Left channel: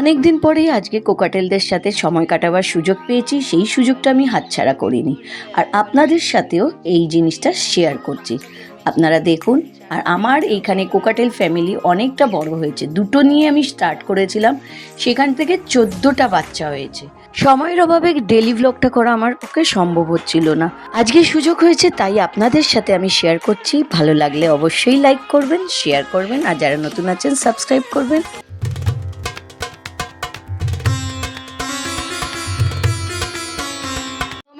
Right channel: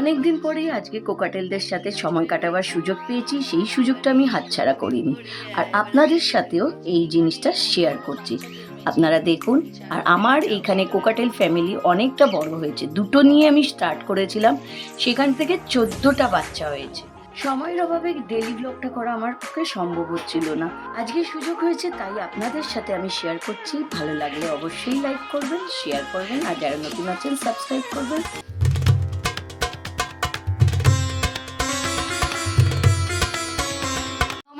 অনেক দিন পরেই আজকে কোকাটেলদের সাথে সময় কাটাবার সুযোগ পেয়েছি, সেই সুযোগটা আমি হাতছাড়া করিনি। আর আপনাদের সাথেও এই জিনিসটা শেয়ার করছি। আপনারা দেখুন। আর আমার এইখানে কোকাটেল ফ্যামিলি অনেকটা বড় হয়েছে। দুটো নিয়ে আমি স্টার্ট করেছিলাম, সেখান থেকে 14টা বাচ্চা হয়েছে। সময়ের অভাবে ডেলি ভ্লগটা করা আমার পক্ষে সম্ভব হচ্ছিল না। আজকে সুযোগ হয়েছে, তাই আপনাদের সাথে আমি শেয়ার করছি। ভালো লাগলে অবশ্যই লাইক করবেন, শেয়ার করবেন, আর যারা নতুন আছেন সাবস্ক্রাইব করবেন।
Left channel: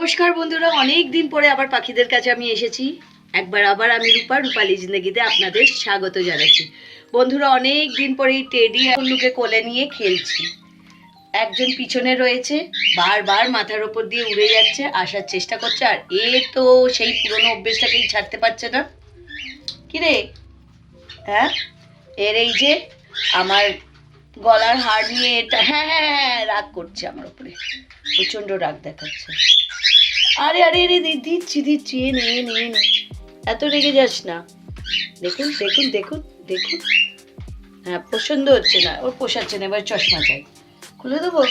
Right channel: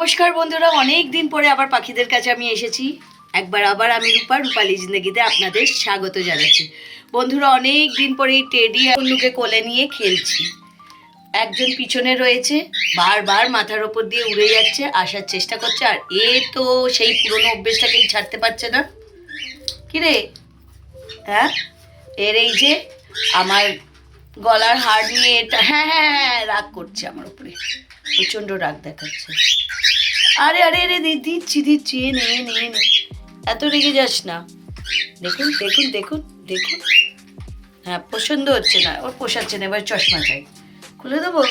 নমস্কার বন্ধুরা, অনেক দিন পরে আবার পাখিদের কাছে আমি এসেছি। একবার আবার আমি রূপালী জিন্দেগিতে আপনাদের স্বাগত জানাচ্ছি। বন্ধুরা, অনেক দিন পরে এই টেডি অন্যকে কোলে নিয়ে খেলছি। একজন পিছনে রয়েছে, বারবার মাথার ওপর দিয়ে উড়ে যাচ্ছে, আসার চেষ্টা করছে। আর এ তো সেই পুরনো অভ্যেসটাকেই ছাড়তে পারছে না। কিরে, হ্যাঁ, এর এই যে আমার গলার হার নিয়ে এটা হ্যাঁ হ্যাঁ হ্যাঁ রাগ করছে আমার উপরে, প্রচণ্ড রাগ দেখাচ্ছে। আরে আরে রে, দিচ্ছি নে নে নে, এত রেগে যাস না। দেখুন দেখুন দেখুন দেখুন, হ্যাঁ পছন্দ হচ্ছে না, ওর পোষাচ্ছে না, এবার চশমা চাই, খুলে দেবো।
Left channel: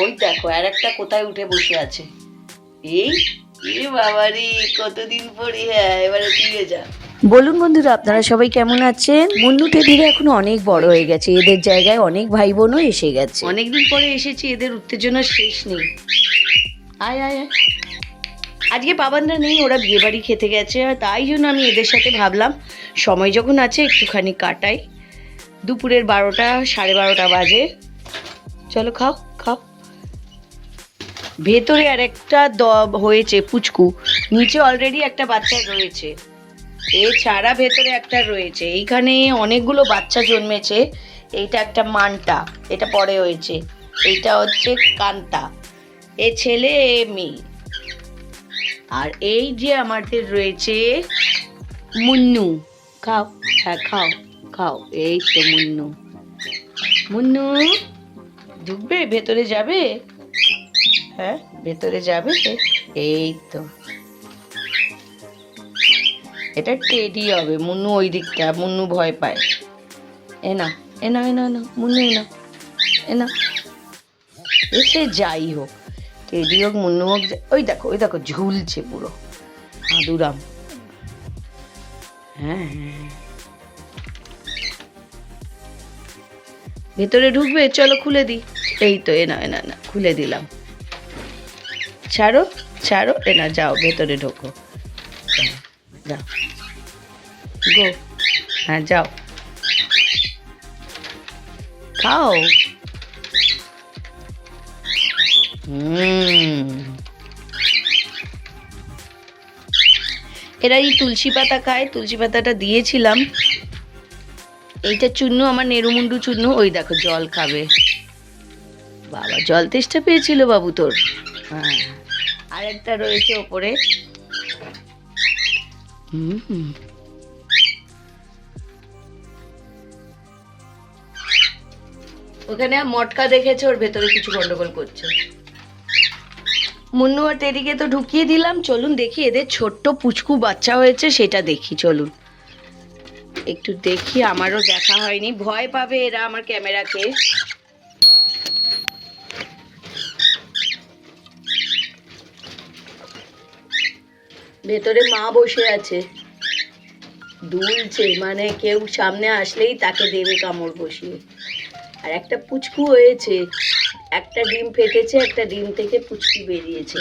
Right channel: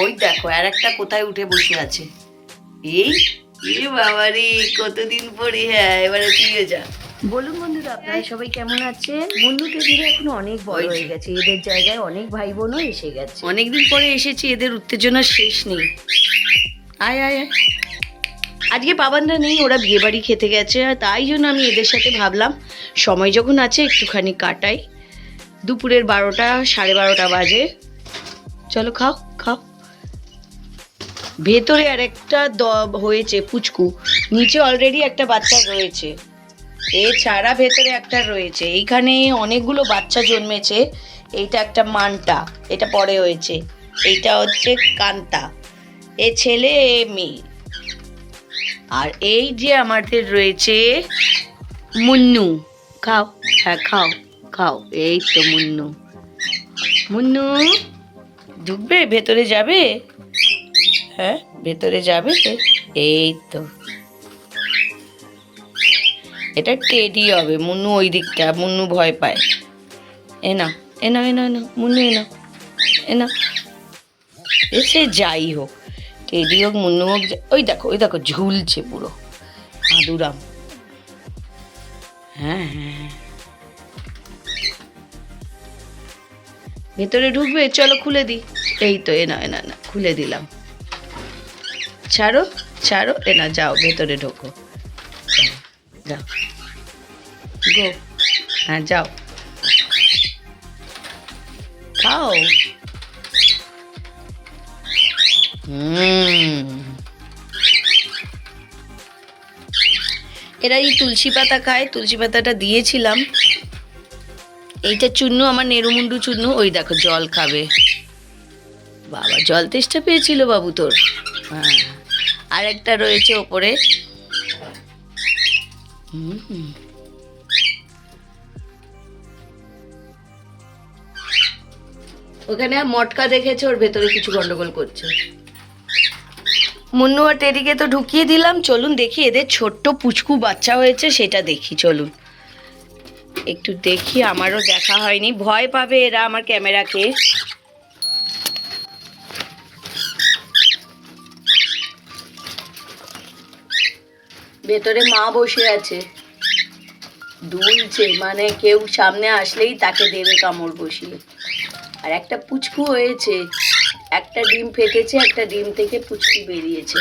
ওই দেখো আর একটা কোথায় উঠে বসে আছে। এই এ বাবা রে, কতদিন পরে, হ্যাঁ এবারে তুইও যা। বলুন বন্ধুরা, আপনারা সবাই কেমন আছেন? মুন্নু টেডিরা এখন অনেক বড় হয়ে গেছে, এদের জায়গায় অনেক ভাই বোনও এসে গেছে। অনেকদিন পরে এসেছি, এদের উত্তেজনার শেষ নেই। আয় আয় আয়। আজকে বাবানরা নেই, ওরা বিয়ে বাড়ি খেতে গেছে, আর তাই জন্য আমি এদের সাথে ভাবলাম সময় যখন আছে একটুখানি কাটাই। দুপুরের 12টা 12:30 বাজে। চলো খাও খাও। ভেতরে আর একটা হয়েছে পুচকু, নিচে অলরেডি একটা বাচ্চা রয়েছে, এছাড়া ভেতরে একটা রয়েছে। এইখানে অনেকগুলো বাচ্চা জন্মেছে। এইটা একটা মানটা, এটা পরে হয়েছে। এইটা হচ্ছে কান্তা, এ ছেলে এ মেয়ে। আর এই যে আমাদের রয়েছে মুন্নু। খাও, হ্যাঁ খাও খাও। এই তো মুন্নু। মুন্নু ঢুকবে, ভেতরে যাবে? হ্যাঁ ভেতরে যাবে। এই তো, এটা টেডি হবে। মুন্নু ওই দিকটা, মুন্নু ভয় পায়। এ না এ না এ না এ না মুন্নু, এ না এ না, এসে যাই হোক, টেডি হোক মুন্নু হোক। ওই দেখো ঝুলছে পুরো হাঁদুরাম। হ্যাঁ হ্যাঁ হ্যাঁ, ভেতরে ঢুকবে, চলো খুলে দিই। এই তো, এ না এ না না, খুলে দিলাম। ছাড়ো ছাড়ো, এ না, যাও ভেতরে ঢোকো, যাও গো, হ্যাঁ যাও খাও। এরা এই তুলসী পাতা খায়, তুলসী পাতাটা দিয়েছিলাম। এইটা চুন্নু, আমার নেরুমুন্ডু চুন্নু। ওই দেখো জল খাবে। বাবা, জল তেষ্টা পেয়েছিল বাবু তোর। হ্যাঁ, আর একটা রয়েছে ওপরে। ওখানে মটকা দেখেছে, ওর ভেতরে কিছু গন্ডগোল করছে। মুন্নু আর টেডিকে তো ঢুকিয়ে দিলাম। চলুন দেখি, এদের ছোট্ট পুচকু বাচ্চা হয়েছে সেটা দেখি। চলুন একটু দেখি, আমারও দেখা হয়নি, ভয় পাবে এরা আমার ক্যামেরাকে। ভেতরে মা বসে আছে, দুলছে, মানে কেউ সামনে আসলেই তাকে দেবে কামড় বসিয়ে। আর একটা পুচকু হয়েছে, একটা ডিম ফেটেছে, একটা ডিম থেকে পুচকু বেরিয়েছে।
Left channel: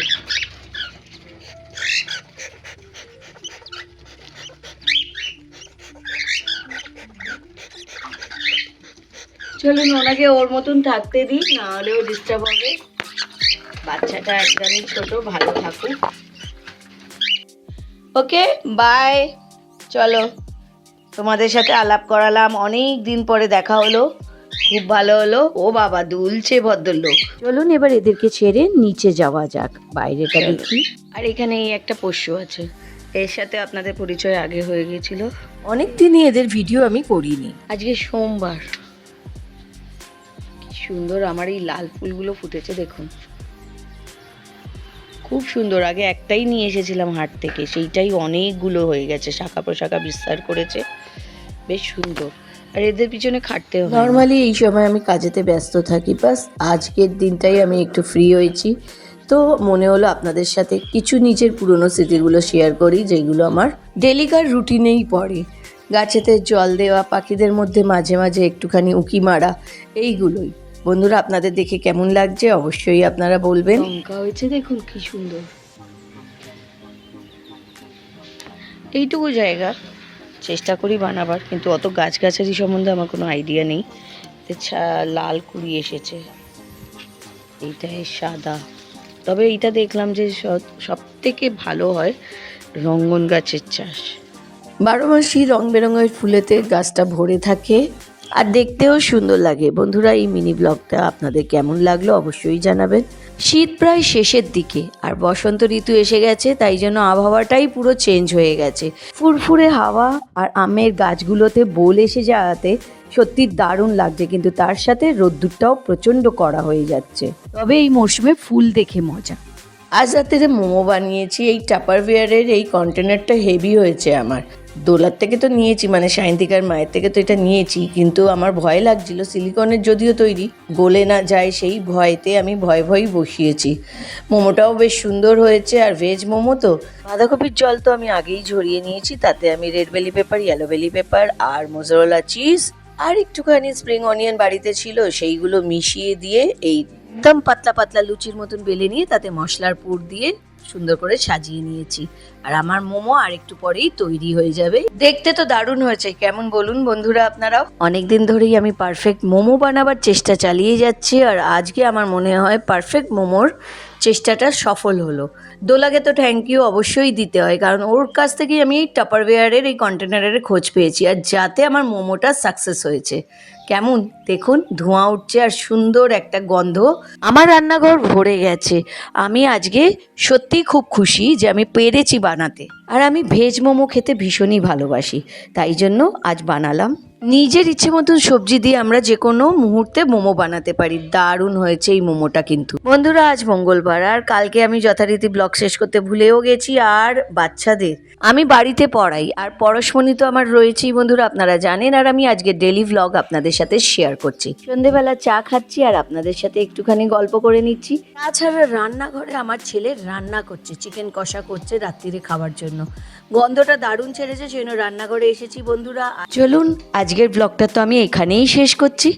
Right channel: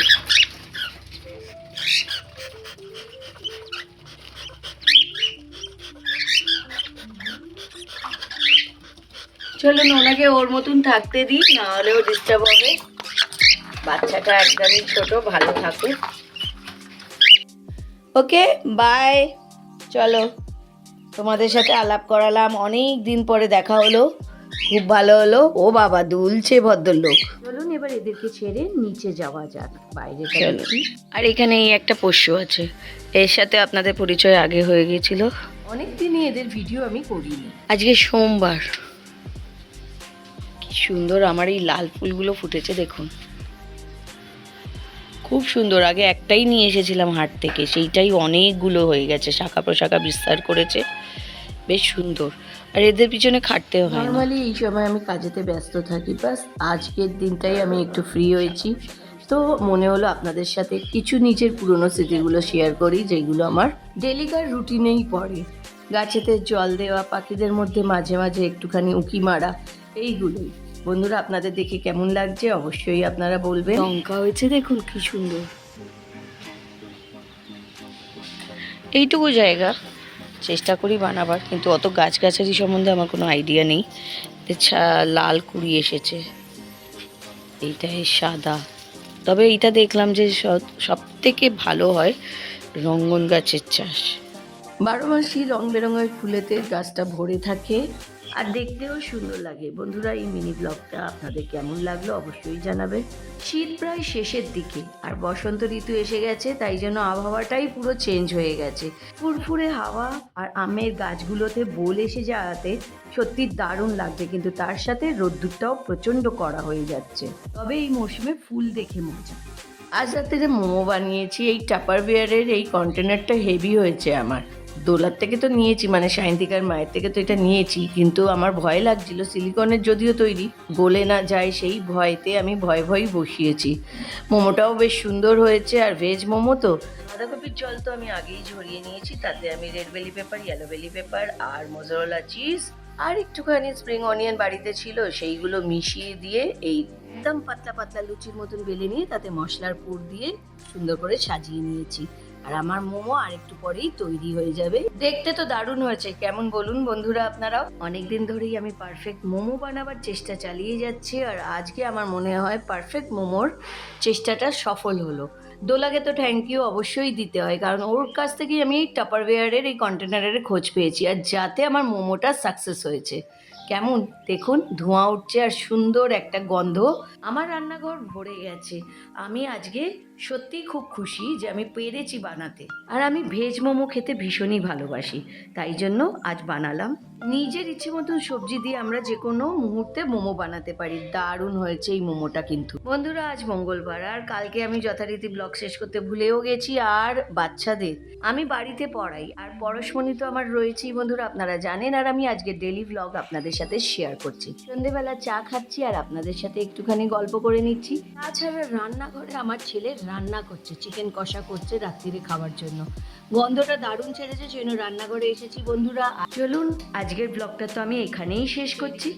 চলুন ওনাকে ওর মতন থাকতে দিই, না হলেও ডিস্টার্ব হবে। বাচ্চাটা একদমই ছোট, ভালো থাকুক। Okay bye. চলো, তোমাদের সাথে আলাপ করালাম, অনেক দিন পরে দেখা হলো, খুব ভালো হলো। ও বাবা, দুলছে ভদ্রলোক। চলুন এবার এদেরকে ছেড়ে নিচে যাওয়া যাক, বাইরেটা দেখি। আর এখানে এই একটা পোষ্য আছে, এর সাথে আপনাদের পরিচয় আগে হয়ে গিয়েছিল। অনেক দিনই এদের ভিডিও আমি করিনি। আজকে সোমবার, কি সুন্দর আমার এই লাল ফুলগুলো ফুটেছে দেখুন, খুব সুন্দর। আগে একটাই নিয়ে এসেছিলাম হাট থেকে, সেইটাই অনেকগুলো হয়ে গেছে, শাখা প্রশাখা বিস্তার করেছে, বেশ সুন্দর। আর এদের পিছনে খাটতে হয় না। নর্মালি এই সময় আমি কাজেতে ব্যস্ত থাকি, বাস আজকের দিনটাই আমি একটু ফ্রি হয়েছি, তো মনে হলো আপনাদের সাথে কিছু নিজের পুরনো স্মৃতিগুলো শেয়ার করি, যেগুলো আমার ডেলিকার রুটিনেই পড়ে। গাছেতে জল দেওয়া, পাখিদের মধ্যে মাঝে মাঝে একটুখানি উঁকি মারা, এইগুলোই। বন্ধুরা, আপনাদের দেখে কেমন লাগছে অবশ্যই আপনারা বলবেন। লঙ্কা হয়েছে দেখুন কি সুন্দর। এইটুকু জায়গা চেষ্টা করি বানাবার, কিন্তু অত গাছগাছালি সম্বন্ধে আমার কোনো আইডিয়া নেই। লাল কুড়ি এসেছে, এইটাই সাদা। তবে এইটা দেখলাম যে সব থেকে ভালো হয় রঙ্গন গাছের চাষ। 12 মাসই রং বেরঙের ফুলেতে গাছটা ভরে থাকে আর দেখতেও সুন্দর লাগে। বন্ধুরা, এই মিনি ব্লগটা আপনাদের কেমন লাগলো অবশ্যই জানাবেন। শীত প্রায় শেষের দিকে আর বসন্ত ঋতু এসে গেছে, তাই জন্য আবহাওয়াটাই পুরো চেঞ্জ হয়ে গেছে। ফুরফুরে হাওয়া আর আমের গাছগুলোতে বোল এসে যাওয়াতে সত্যি দারুণ লাগছে, কিন্তু তার সাথে রোদ্দুরটাও প্রচণ্ড কড়া হয়ে যাচ্ছে। তবে এই মরশুমে ফুল দেখে মজা। আজ রাত্রে মোমো বানিয়েছি। এই টাপারওয়্যারের এই কন্টেনারটা হেভি হয়েছে আমার। দোলার থেকে তো নিয়েছি, মানে সায়ন্তিকার মায়ের থেকে তো এটা নিয়েছি, কিন্তু আমার ভয় লাগছিল, সিলিকনের যদিও তৈরি, গলে না যায় সেই ভয়েতে আমি ভয়ই বসিয়েছি। মোমোটাও বেশ সুন্দর হয়েছে, আর ভেজ মোমো তো। বাঁধাকপির জল তো আমি আগেই ঝরিয়ে নিয়েছি, তাতে আমি রেড বেলি পেপার, ইয়েলো বেলি পেপার আর মোজারেলা চিজ আর একটুখানি স্প্রিং অনিয়ন বাড়িতে ছিল, সেইগুলো মিশিয়ে দিয়ে এই একদম পাতলা পাতলা লুচির মতন বেলে নিয়ে তাতে মশলার পুর দিয়ে সুন্দর করে সাজিয়ে নিয়েছি। আর আমার মোমো আর একটু পরেই তৈরি হয়ে যাবে। দেখতে তো দারুণ হয়েছে, কেমন বলুন বন্ধুরা আপনারাও? অনেকদিন ধরেই আমি পারফেক্ট মোমো বানাবার চেষ্টা চালিয়ে যাচ্ছি, আর আজকে আমার মনে হয় পারফেক্ট মোমোর চেষ্টাটা সফল হলো। দোলাকে তো থ্যাংক ইউ অবশ্যই দিতে হয়, কারণ ওর কাছ থেকেই আমি টাপারওয়্যারের এই কন্টেনারের খোঁজ পেয়েছি, আর যাতে আমার মোমোটা সাকসেস হয়েছে। কেমন দেখুন, ধোঁয়া উঠছে আর সুন্দর একটা গন্ধ, আমার রান্নাঘর ভরে গেছে। আমি আজকে সত্যিই খুব খুশি যে আমি পেরেছি বানাতে। আর আমি ভেজ মোমো খেতে ভীষণই ভালোবাসি, তাই জন্য আজ বানালাম। নিজের ইচ্ছে মতন সবজি দিয়ে আমরা যে কোনো মুহূর্তে মোমো বানাতে পারি। দারুণ হয়েছে এই মোমোটা কিন্তু। বন্ধুরা, আজ মঙ্গলবার, আর কালকে আমি যথারীতি ব্লগ শেষ করতে ভুলেও গেছি। আর বাচ্চাদের আমি বাড়িতে পড়াই, আর পরশমণি তো আমার রয়েছেই বন্ধুরা, আপনারা জানেন। আর আমি আজকে ডেলি ভ্লগ আপনাদের সাথে শেয়ার করছি। সন্ধেবেলা চা খাচ্ছি আর আপনাদের সাথে একটুখানি গল্প করে নিচ্ছি। তাছাড়া রান্নাঘরে আমার ছেলে রান্না করছে, চিকেন কষা করছে রাত্রিরে খাবার জন্য। গন্ধটা দারুণ ছেড়েছে, সেজন্য রান্নাঘরে এসেছি বন্ধুরা। চলুন, আজকের ব্লগটা তো আমি এখানেই শেষ করছি।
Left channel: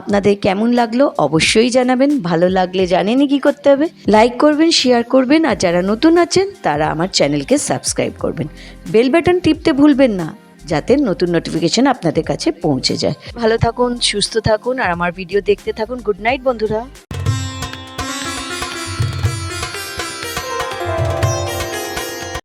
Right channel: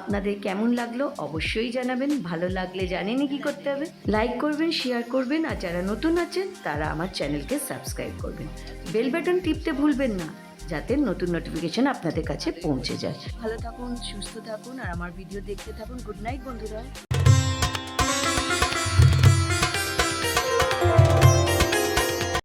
আপনাদের কেমন লাগলো অবশ্যই জানাবেন। ভালো লাগলে জানেনই কি করতে হবে, লাইক করবেন, শেয়ার করবেন, আর যারা নতুন আছেন তারা আমার চ্যানেলকে সাবস্ক্রাইব করবেন। বেল বাটন টিপতে ভুলবেন না, যাতে নতুন নোটিফিকেশন আপনাদের কাছে পৌঁছে যায়। ভালো থাকুন, সুস্থ থাকুন, আর আমার ভিডিও দেখতে থাকুন। গুড নাইট বন্ধুরা।